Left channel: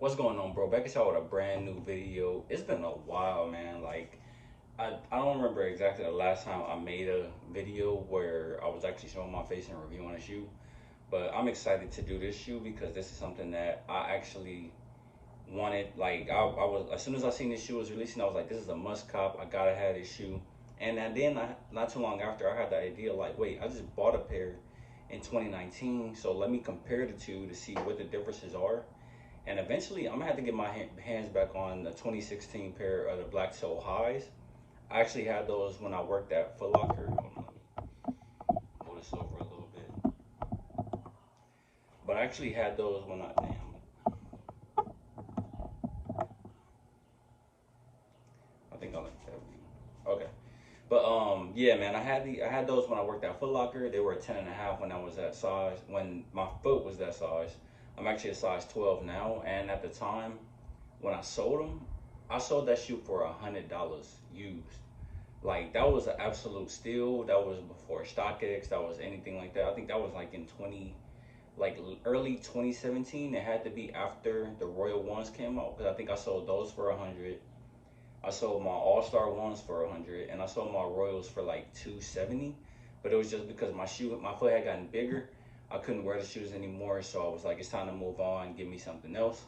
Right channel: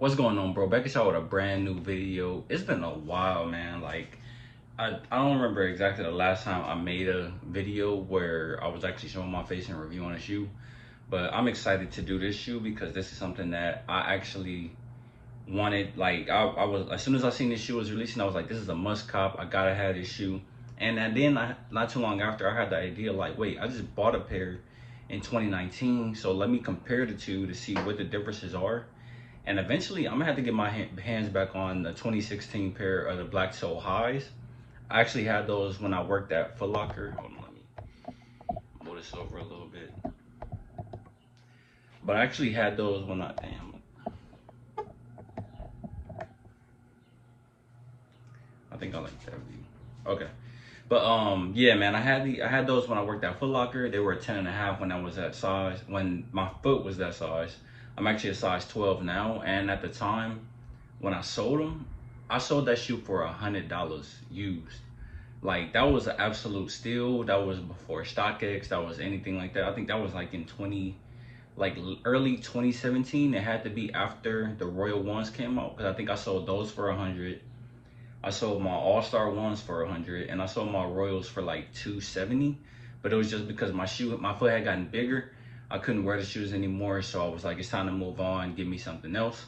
What's going on, bro? Back at y'all with a brand new video. It's been a while, man. I don't remember exactly the last time I made a video where I was actually showing my face and reviewing a shoe. But I'm excited to do this shoe because this is something that I actually wanted. I was, as soon as I seen this shoe was releasing, I was like, this is a must cop. I gotta have this shoe. And then not too long after, I had the idea like, wait, I just bought a pair in 2019, so let me compare the two to see what the differences are. And eventually, I'm gonna have to get my hands back on the 2016 pair of the Black Toe Highs. I actually had those when I worked at Foot Locker. Hold on, let me move this over a little bit. But I actually had those when I think I like that view. Okay. But yeah, man, I had those when I worked at Foot Locker. They were a 10 and a half when I was that size, when my foot was that size. I'm actually a size 12 now, and at the time when I sold them, I sold that shoe for $100 used. Like that was an absolute steal. That was before StockX. That was anything like that. I think that was like in 20, like early 2017. It had to be after the Royal Ones came out because I think I sold those for 100. I sold my All-Star ones for 100, and I sold my Royals for like 270. But it was just because my foot had gotten bigger. I couldn't wear the shoes anymore, so I was like, it's time to move on, give me something else.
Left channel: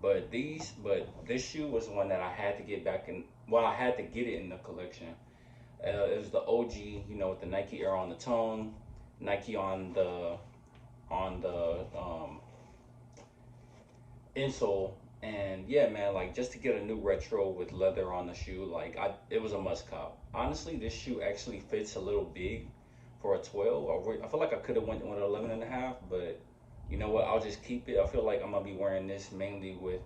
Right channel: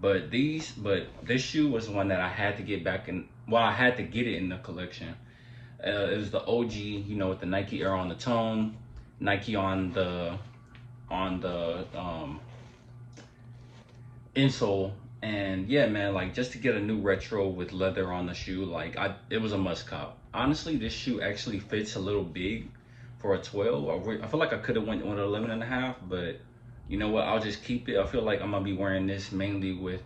But this shoe was one that I had to get back in. Well, I had to get it in the collection. It was the OG, with the Nike Air on the tongue, Nike on the insole. And yeah, man, like just to get a new retro with leather on the shoe, it was a must cop. Honestly, this shoe actually fits a little big for a 12. I feel like I could have went with an 11 and a half, but you know what? I'll just keep it. I feel like I'm gonna be wearing this mainly with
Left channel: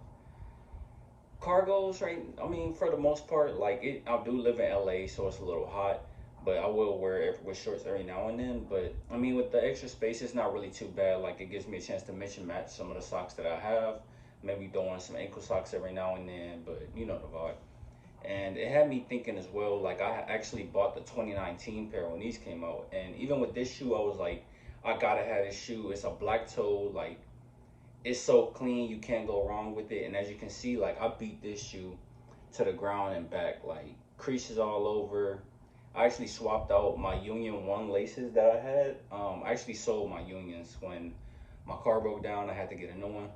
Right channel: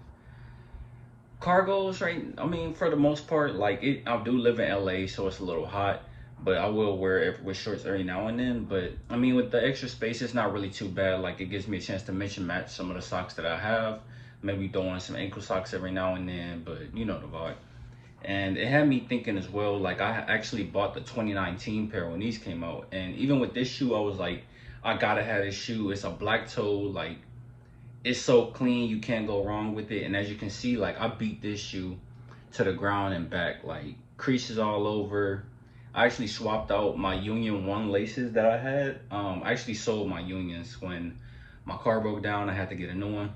cargos, right? I mean, for the most part, I do live in LA, so it's a little hot, but I will wear it with shorts every now and then. But I mean, with the extra space, it's not really too bad. Like, it gives me a chance to mix and match some of the socks that I have. Maybe throw on some ankle socks every now and then, but you know the vibe. And it had me thinking as well, like, I actually bought the 2019 pair when these came out. And even with this shoe, I was like, I gotta have this shoe. It's a black toe, like, it's so clean, you can't go wrong with it. And as you can see, like, I beat this shoe to the ground and back, like creases all over. I actually swapped out my Union 1 laces that I had. I actually sold my Unions when my car broke down. I had to get a new one.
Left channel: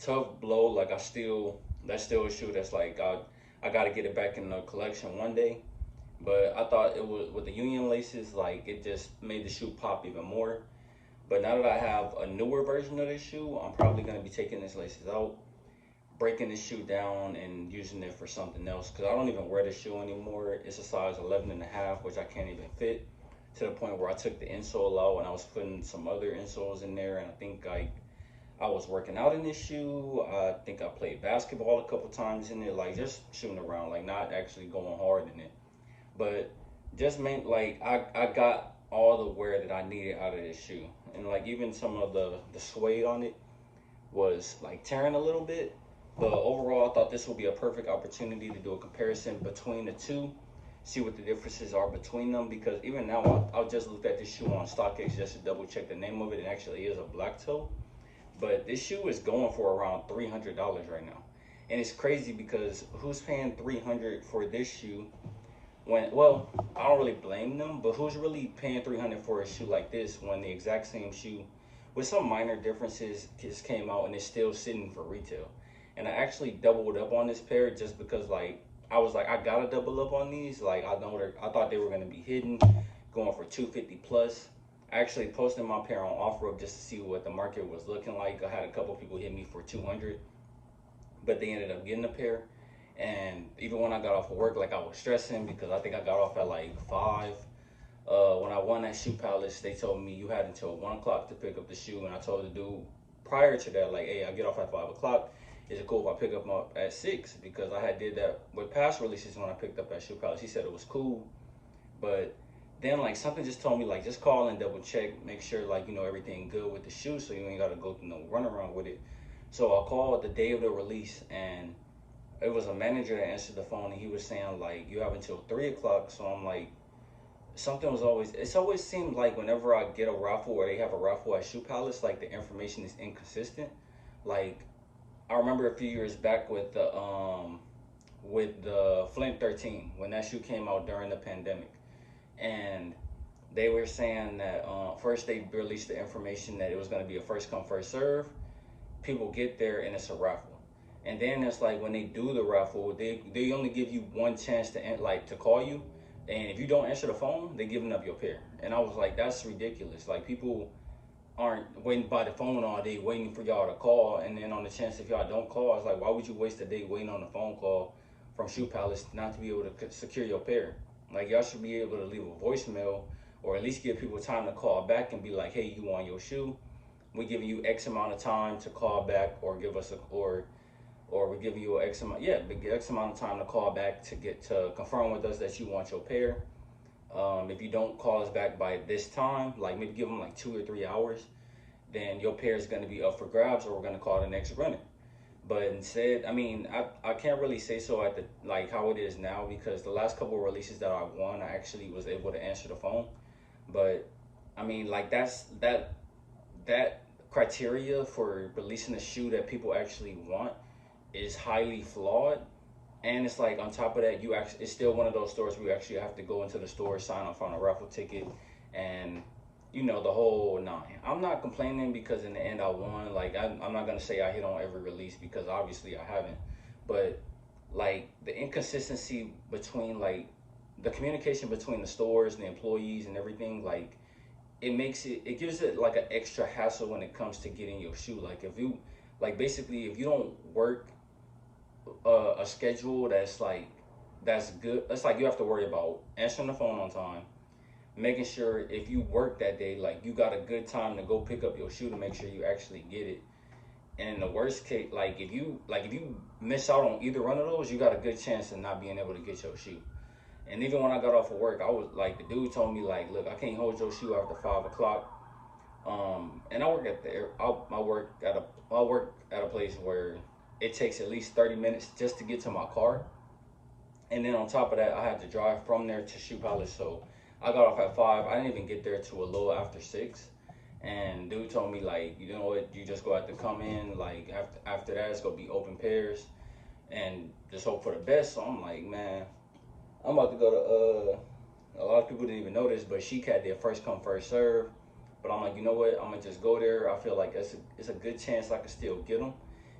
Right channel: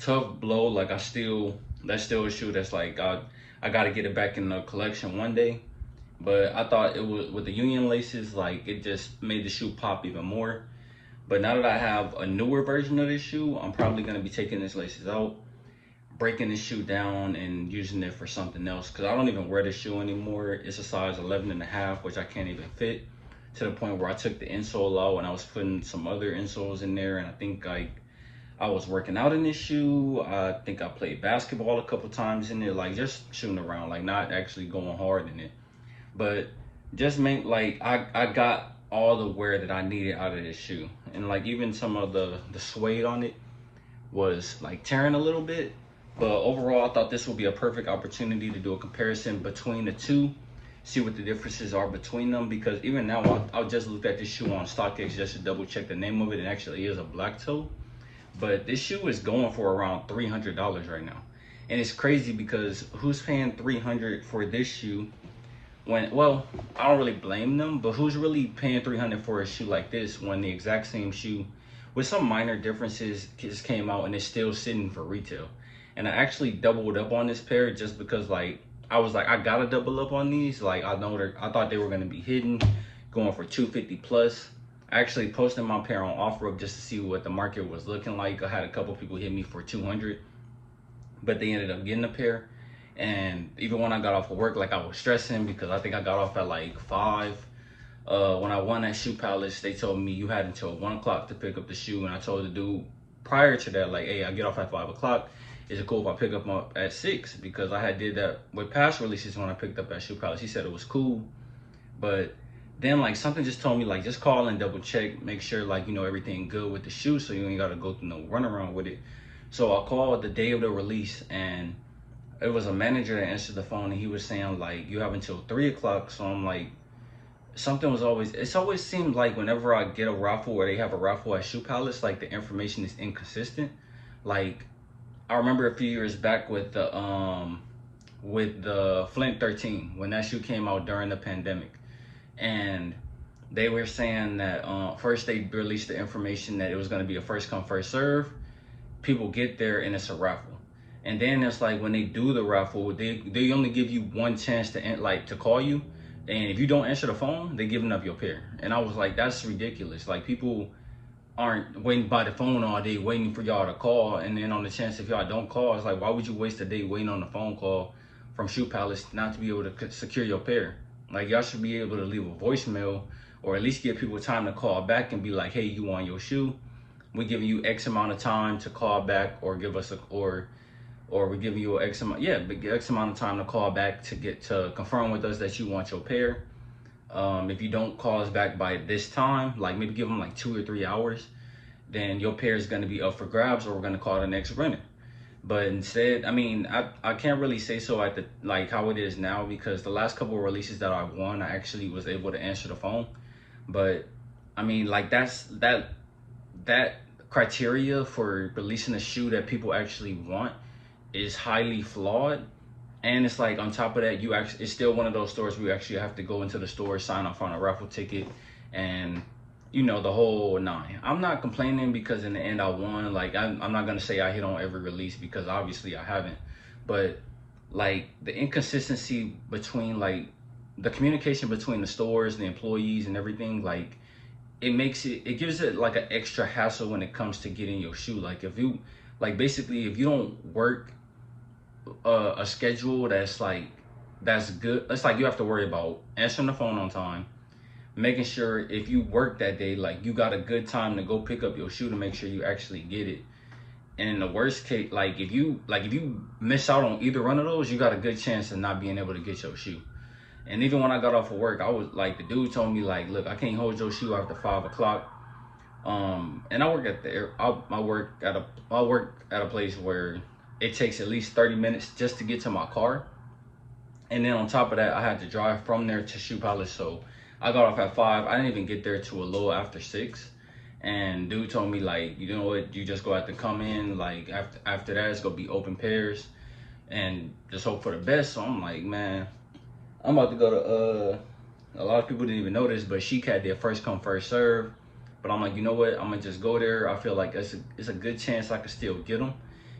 Tough blow. That's still a shoe that's like, I got to get it back in the collection one day. But I thought it was, with the Union laces, like, it just made the shoe pop even more. But now that I have a newer version of this shoe, I'm probably going to be taking these laces out, breaking this shoe down, and using it for something else. Because I don't even wear this shoe anymore. It's a size 11 and a half, which I can't even fit, to the point where I took the insole out and I was putting some other insoles in there. And I think I was working out in this shoe. I think I played basketball a couple times in it, like just shooting around, like not actually going hard in it. But just meant like I got all the wear that I needed out of this shoe. And like even some of the suede on it was like tearing a little bit. But overall, I thought this would be a perfect opportunity to do a comparison between the two, see what the differences are between them. Because even now, I'll just look at this shoe on StockX just to double check the name of it. It actually is a black toe. But this shoe is going for around $300 right now. And it's crazy because who's paying 300 for this shoe when, well, I don't really blame them, but who's really paying 300 for a shoe like this when the exact same shoe with some minor differences just came out and it's still sitting for retail? And I actually doubled up on this pair just because, like, I was like, I gotta double up on these. Like, I thought they were gonna be hidden, going for 250 plus. I actually posted my pair on OfferUp just to see what the market was looking like. I had a couple people hit me for 200, but they ended up getting a pair. And even when I got off of work, like, I was stressing because I think I got off at like 5. When I won that Shoe Palace, they told me you had until 1 o'clock to pick up the shoe. And I told the dude prior to that, like, hey, I get off at 5 o'clock. Is it cool if I pick up at 6? Because I had did that with past releases when I picked up at Shoe Palace. He said it was cool. But then, like, something just told me, like, just call and double check, make sure, like, everything good with the shoe so you ain't got to go through no runaround with it. So I called the day of the release, and it was a manager that answered the phone, and he was saying, like, you have until 3 o'clock. So I'm like, it's always seemed like whenever I get a raffle or they have a raffle at Shoe Palace, like, the information is inconsistent. Like, I remember a few years back with the Flint 13 when that shoe came out during the pandemic, and they were saying that first they released the information that it was going to be a first come first serve. People get there and it's a raffle, and then it's like when they do the raffle, they only give you one chance to like to call you, and if you don't answer the phone, they giving up your pair. And I was like, that's ridiculous. Like people aren't waiting by the phone all day waiting for y'all to call, and then on the chance if y'all don't call, it's like why would you waste a day waiting on a phone call from Shoe Palace not to be able to secure your pair? Like y'all should be able to leave a voicemail or at least give people time to call back and be like, hey, you want your shoe? We giving you X amount of time to call back, or give us a or we're giving you X amount, yeah, X amount of time to call back to get to confirm with us that you want your pair. If you don't call us back by this time, like maybe give them like 2 or 3 hours, then your pair is going to be up for grabs, or we're going to call the next runner. But instead, I mean, I can't really say so at the like how it is now, because the last couple of releases that I won, I actually was able to answer the phone. But I mean, like that criteria for releasing a shoe that people actually want is highly flawed. And it's like on top of that, you actually, it's still one of those stores where you actually have to go into the store, sign up on a raffle ticket, and you know the whole nine. I'm not complaining because in the end I won. Like I'm not gonna say I hit on every release because obviously I haven't. But like the inconsistency between like the communication between the stores, the employees, and everything, like it gives it like an extra hassle when it comes to getting your shoe. Like if you like basically if you don't work a schedule that's good, it's like you have to worry about answering the phone on time, making sure if you work that day, like you got a good time to go pick up your shoe to make sure you actually get it. And in the worst case, like if you miss out on either one of those, you got a good chance of not being able to get your shoe. And even when I got off of work, I was like, the dude told me like, look, I can't hold your shoe after 5 o'clock. And I work at the I work at a place where it takes at least 30 minutes just to get to my car. And then on top of that, I had to drive from there to Shoe Palace. So I got off at 5. I didn't even get there to a little after 6. And dude told me like, you know what, you just go have to come in. Like after that, it's gonna be open pairs, and just hope for the best. So I'm like, man, I'm about to go to a lot of people didn't even notice, but Chic had their first come first serve. But I'm like, you know what? I'm gonna just go there. I feel like it's a good chance I could still get them.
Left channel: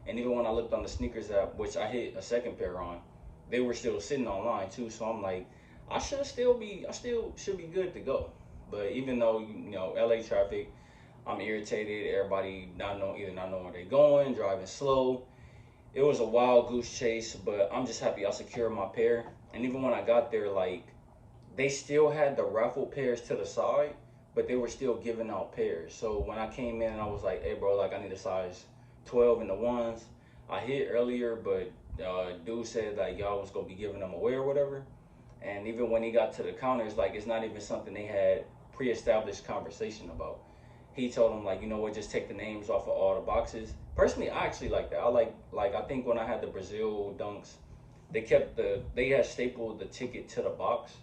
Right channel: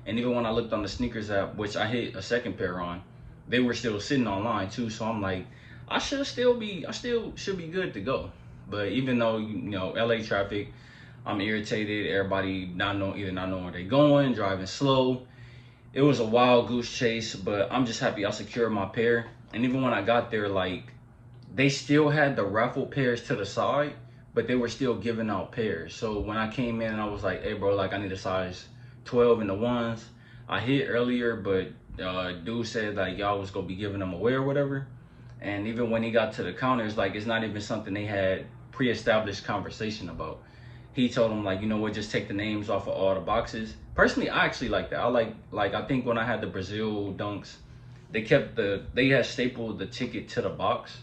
And even when I looked on the sneakers app, which I hit a second pair on, they were still sitting online too. So I'm like, I still should be good to go. But even though you know LA traffic, I'm irritated. Everybody either not knowing where they're going, driving slow. It was a wild goose chase, but I'm just happy I secured my pair. And even when I got there, like they still had the raffle pairs to the side, but they were still giving out pairs. So when I came in and I was like, hey bro, like I need a size 12 in the ones. I hit earlier, but dude said like y'all was gonna be giving them away or whatever. And even when he got to the counters, like it's not even something they had pre-established conversation about. He told him like, you know what, just take the names off of all the boxes. Personally, I actually like that. I like I think when I had the Brazil dunks, they had stapled the ticket to the box,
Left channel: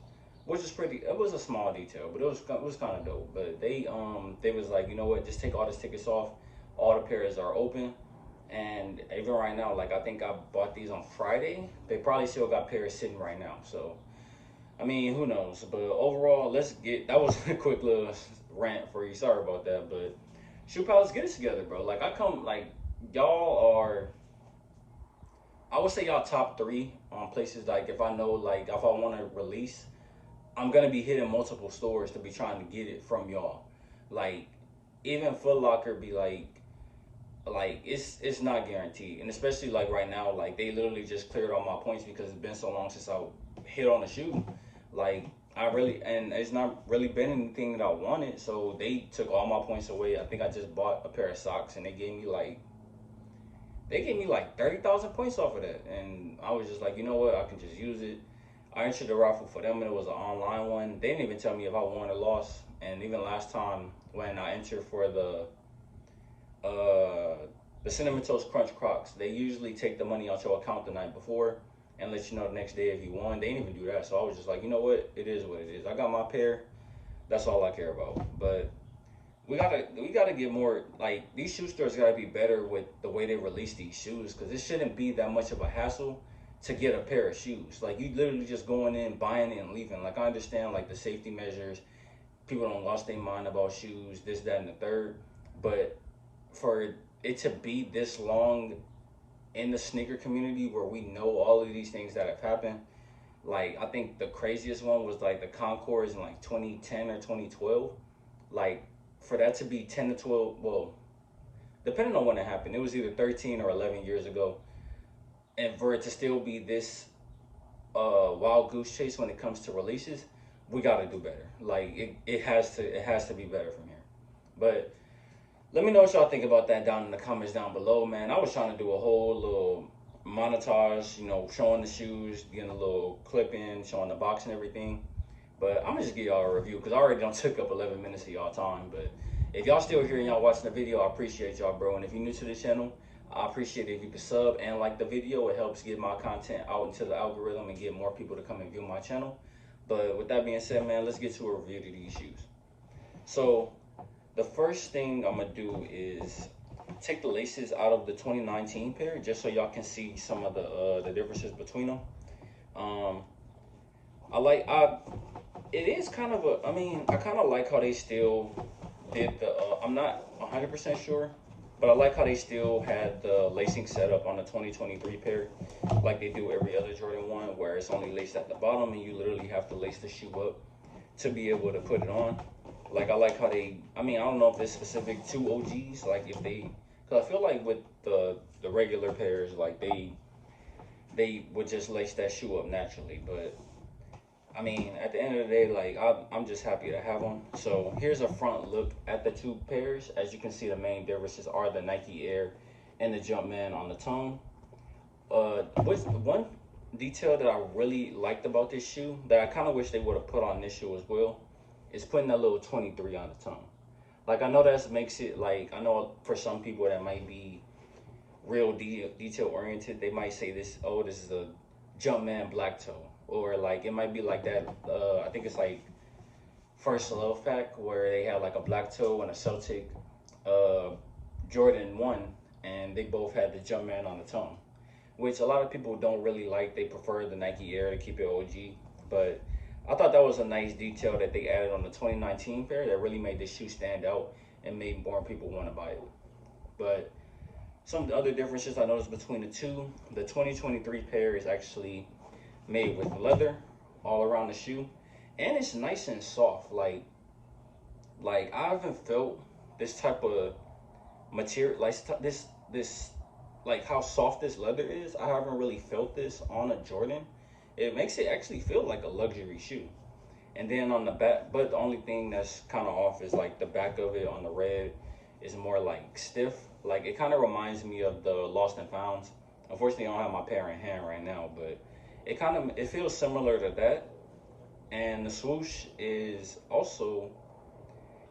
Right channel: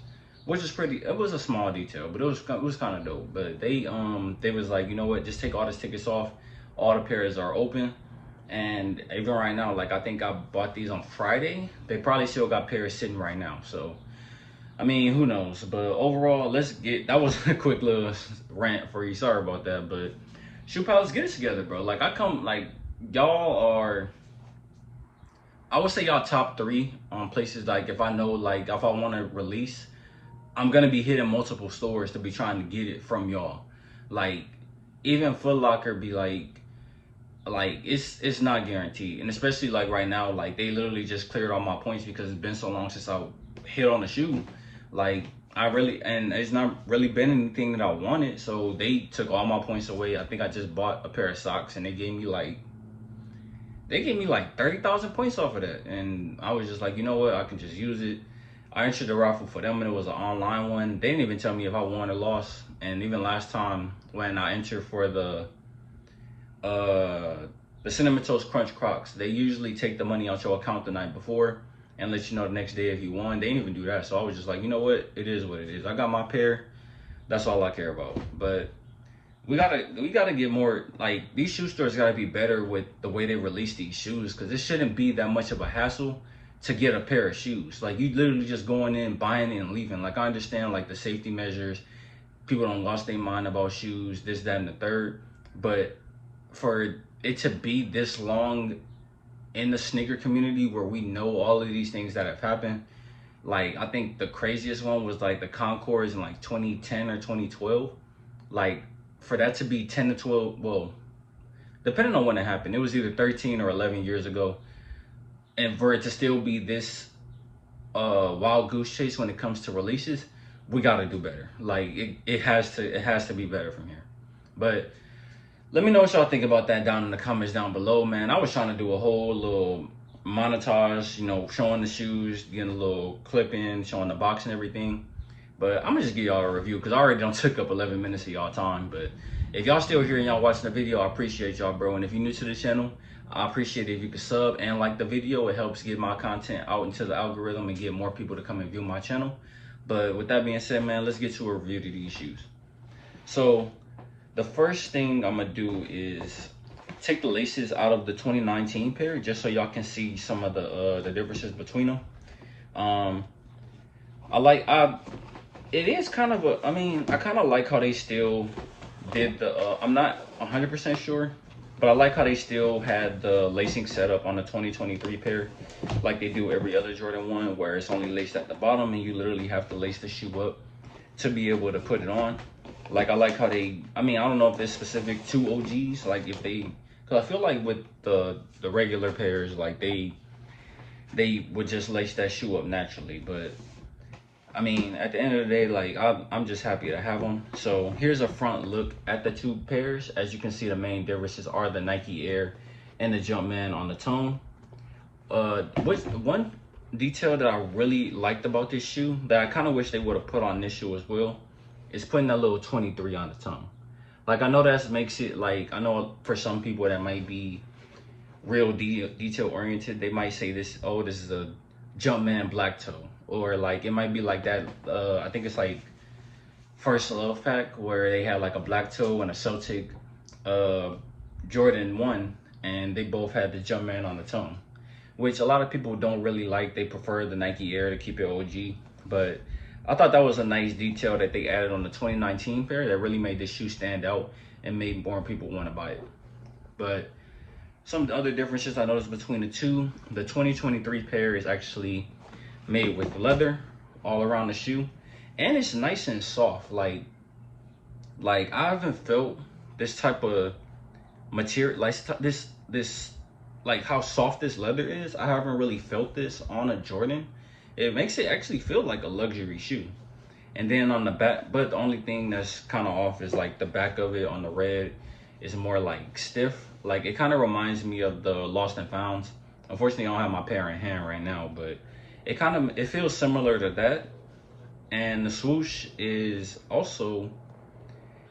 which is pretty. It was a small detail, but it was kind of dope. But they was like, you know what, just take all the tickets off. All the pairs are open, and even right now, like I think I bought these on Friday. They probably still got pairs sitting right now. So I mean, who knows? But overall, that was a quick little rant for you. Sorry about that, but Shoe Palace, get it together, bro. Like y'all are. I would say y'all top 3 on places. Like if I know, like if I want to release, I'm gonna be hitting multiple stores to be trying to get it from y'all. Like even Foot Locker be like it's not guaranteed, and especially like right now, like they literally just cleared all my points because it's been so long since I hit on a shoe. Like and it's not really been anything that I wanted, so they took all my points away. I think I just bought a pair of socks and they gave me like 30,000 points off of that, and I was just like, you know what, I can just use it. I entered the raffle for them, and it was an online one. They didn't even tell me if I won or lost. And even last time when I entered for the Cinnamon Toast Crunch Crocs, they usually take the money out your account the night before and let you know the next day if you won. They didn't even do that, so I was just like, you know what, it is what it is. I got my pair. That's all I care about. But we gotta get more, like, these shoe stores gotta be better with the way they release these shoes, because it shouldn't be that much of a hassle to get a pair of shoes. Like, you literally just going in, buying it, and leaving. Like, I understand like the safety measures, people don't lost their mind about shoes, this, that, and the third, but for it to be this long in the sneaker community where we know all of these things that have happened, like, I think the craziest one was like the Concords in like 2010 or 2012. Like, for that to be 10 to 12, well, depending on when it happened, it was either 13 or 11 years ago. And for it to still be this wild goose chase when it comes to releases, we got to do better. Like, it has to be better from here. But let me know what y'all think about that down in the comments down below, man. I was trying to do a whole little montage, showing the shoes, getting a little clip in, showing the box and everything. But I'm gonna just give y'all a review because I already done took up 11 minutes of y'all time. But if y'all still here and y'all watching the video, I appreciate y'all, bro. And if you're new to the channel, I appreciate it if you could sub and like the video. It helps get my content out into the algorithm and get more people to come and view my channel. But with that being said, man, let's get to a review of these shoes. So the first thing I'm gonna do is take the laces out of the 2019 pair, just so y'all can see some of the differences between them. It is kind of a, I mean, I kind of like how they still did the, I'm not 100% sure, but I like how they still had the lacing setup on the 2023 pair, like they do every other Jordan 1, where it's only laced at the bottom and you literally have to lace the shoe up to be able to put it on. Like, I like how they, I mean, I don't know if it's specific to OGs, like if they, because I feel like with the regular pairs, like they would just lace that shoe up naturally. But I mean, at the end of the day, like, I'm just happy to have them. So here's a front look at the two pairs. As you can see, the main differences are the Nike Air and the Jumpman on the tongue. One detail that I really liked about this shoe that I kind of wish they would have put on this shoe as well is putting that little 23 on the tongue. Like, I know that makes it, like, I know for some people that might be real detail oriented, they might say this, oh, this is a Jumpman black toe. Or like, it might be like that, I think it's like First Love pack, where they had like a black toe and a Celtic Jordan 1, and they both had the Jumpman on the tongue, which a lot of people don't really like. They prefer the Nike Air to keep it OG. But I thought that was a nice detail that they added on the 2019 pair that really made this shoe stand out and made more people want to buy it. But some other differences I noticed between the two, the 2023 pair is actually made with leather all around the shoe, and it's nice and soft. Like I haven't felt this type of material, like this like how soft this leather is. I haven't really felt this on a Jordan. It makes it actually feel like a luxury shoe. And then on the back, but the only thing that's kind of off is like the back of it on the red is more like stiff. Like, it kind of reminds me of the Lost and Founds. Unfortunately, I don't have my pair in hand right now, but it feels similar to that. And the swoosh is also,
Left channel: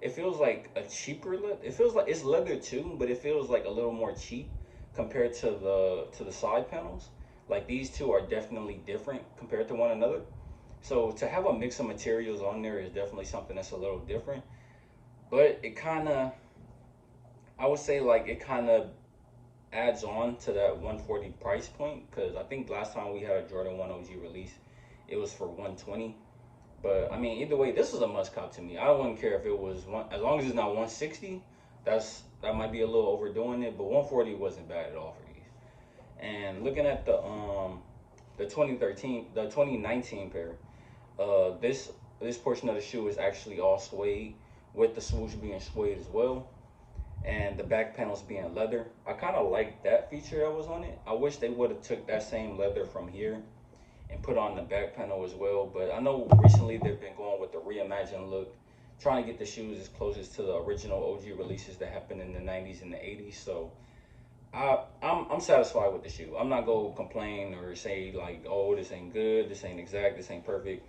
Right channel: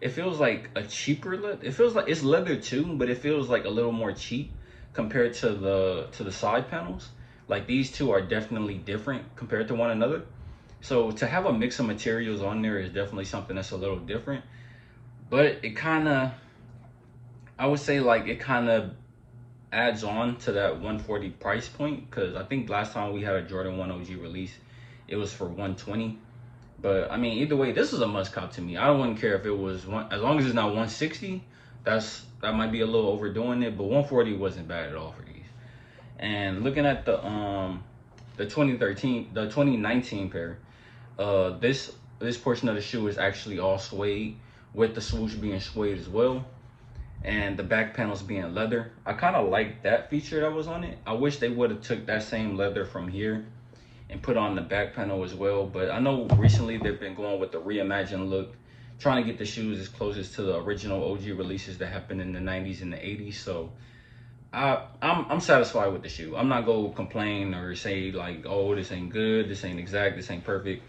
it feels like a cheaper leather. It feels like it's leather too, but it feels like a little more cheap compared to the side panels. Like, these two are definitely different compared to one another. So to have a mix of materials on there is definitely something that's a little different. But it kind of, I would say, like, it kind of adds on to that 140 price point, because I think last time we had a Jordan 1 OG release, it was for 120. But I mean, either way, this is a must cop to me. I wouldn't care if it was one, as long as it's not 160. That might be a little overdoing it, but 140 wasn't bad at all for these. And looking at the 2019 pair, this portion of the shoe is actually all suede, with the swoosh being suede as well, and the back panels being leather. I kind of like that feature that was on it. I wish they would have took that same leather from here and put on the back panel as well. But I know recently they've been going with the reimagined look, trying to get the shoes as closest to the original OG releases that happened in the 90s and the 80s. So I'm satisfied with the shoe. I'm not gonna complain or say like, oh, this ain't good, this ain't exact, this ain't perfect.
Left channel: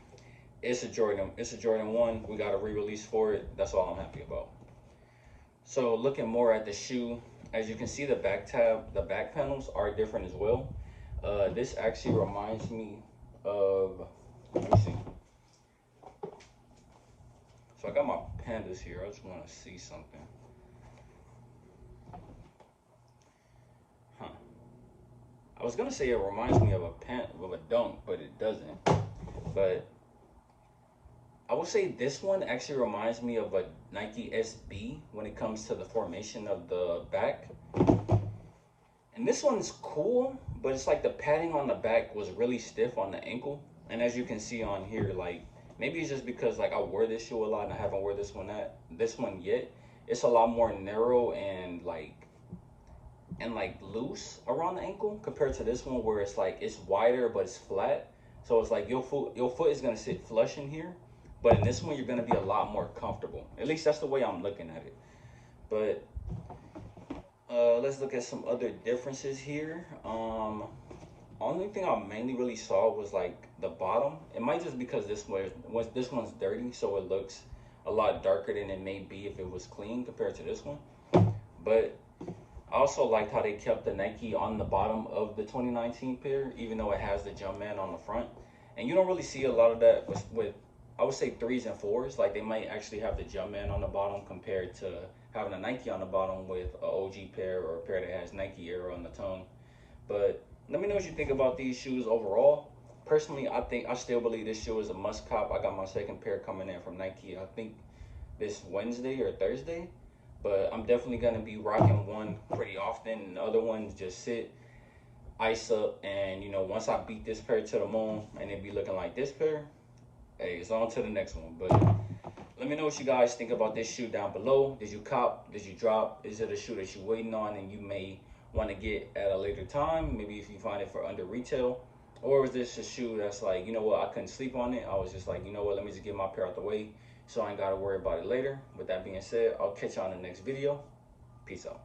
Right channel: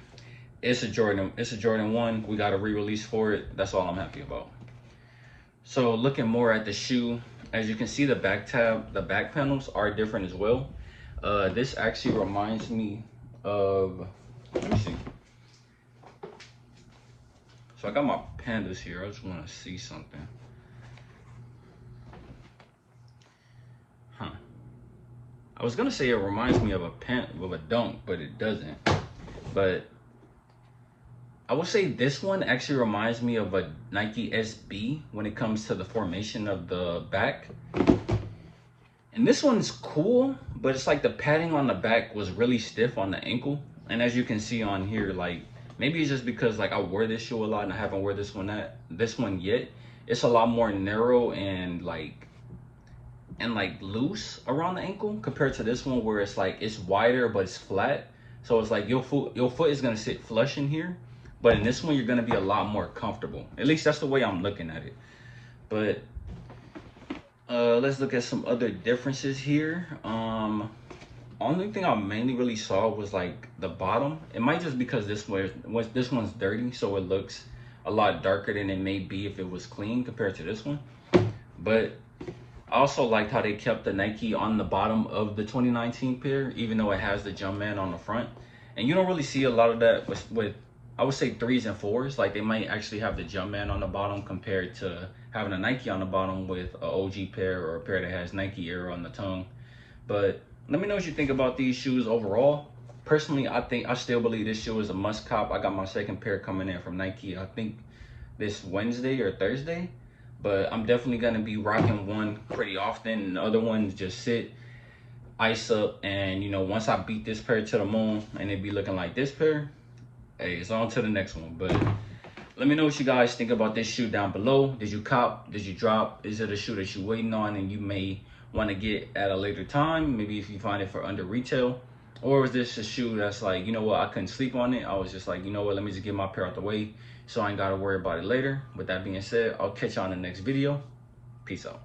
It's a Jordan 1. We got a re-release for it. That's all I'm happy about. So looking more at the shoe, as you can see, the back panels are different as well. This actually reminds me of, let me see. So I got my pandas here. I just want to see something. Huh. I was gonna say it reminds me of a dunk, but it doesn't. But I would say this one actually reminds me of a Nike SB when it comes to the formation of the back. And this one's cool, but it's like the padding on the back was really stiff on the ankle. And as you can see on here, like maybe it's just because like I wear this shoe a lot and I haven't worn this one yet. It's a lot more narrow and like loose around the ankle compared to this one where it's like it's wider but it's flat. So it's like your foot is gonna sit flush in here, but in this one you're gonna be a lot more comfortable. At least that's the way I'm looking at it. But let's look at some other differences here. Only thing I mainly really saw was like the bottom. It might just because this one's dirty, so it looks a lot darker than it may be if it was clean compared to this one. But I also liked how they kept the Nike on the bottom of the 2019 pair, even though it has the Jumpman on the front. And you don't really see a lot of that with I would say 3s and 4s. Like they might actually have the Jumpman on the bottom compared to having a Nike on the bottom with an OG pair or a pair that has Nike Air on the tongue. But let me know what you think about these shoes overall. Personally, I still believe this shoe is a must cop. I got my second pair coming in from Nike, I think this Wednesday or Thursday. But I'm definitely gonna be rocking one pretty often, and the other ones just sit, ice up, and you know, once I beat this pair to the moon and it be looking like this pair, hey, it's on to the next one. But let me know what you guys think about this shoe down below. Did you cop? Did you drop? Is it a shoe that you're waiting on and you may want to get at a later time? Maybe if you find it for under retail. Or is this a shoe that's like, you know what, I couldn't sleep on it. I was just like, you know what, let me just get my pair out the way so I ain't got to worry about it later. With that being said, I'll catch you on the next video. Peace out.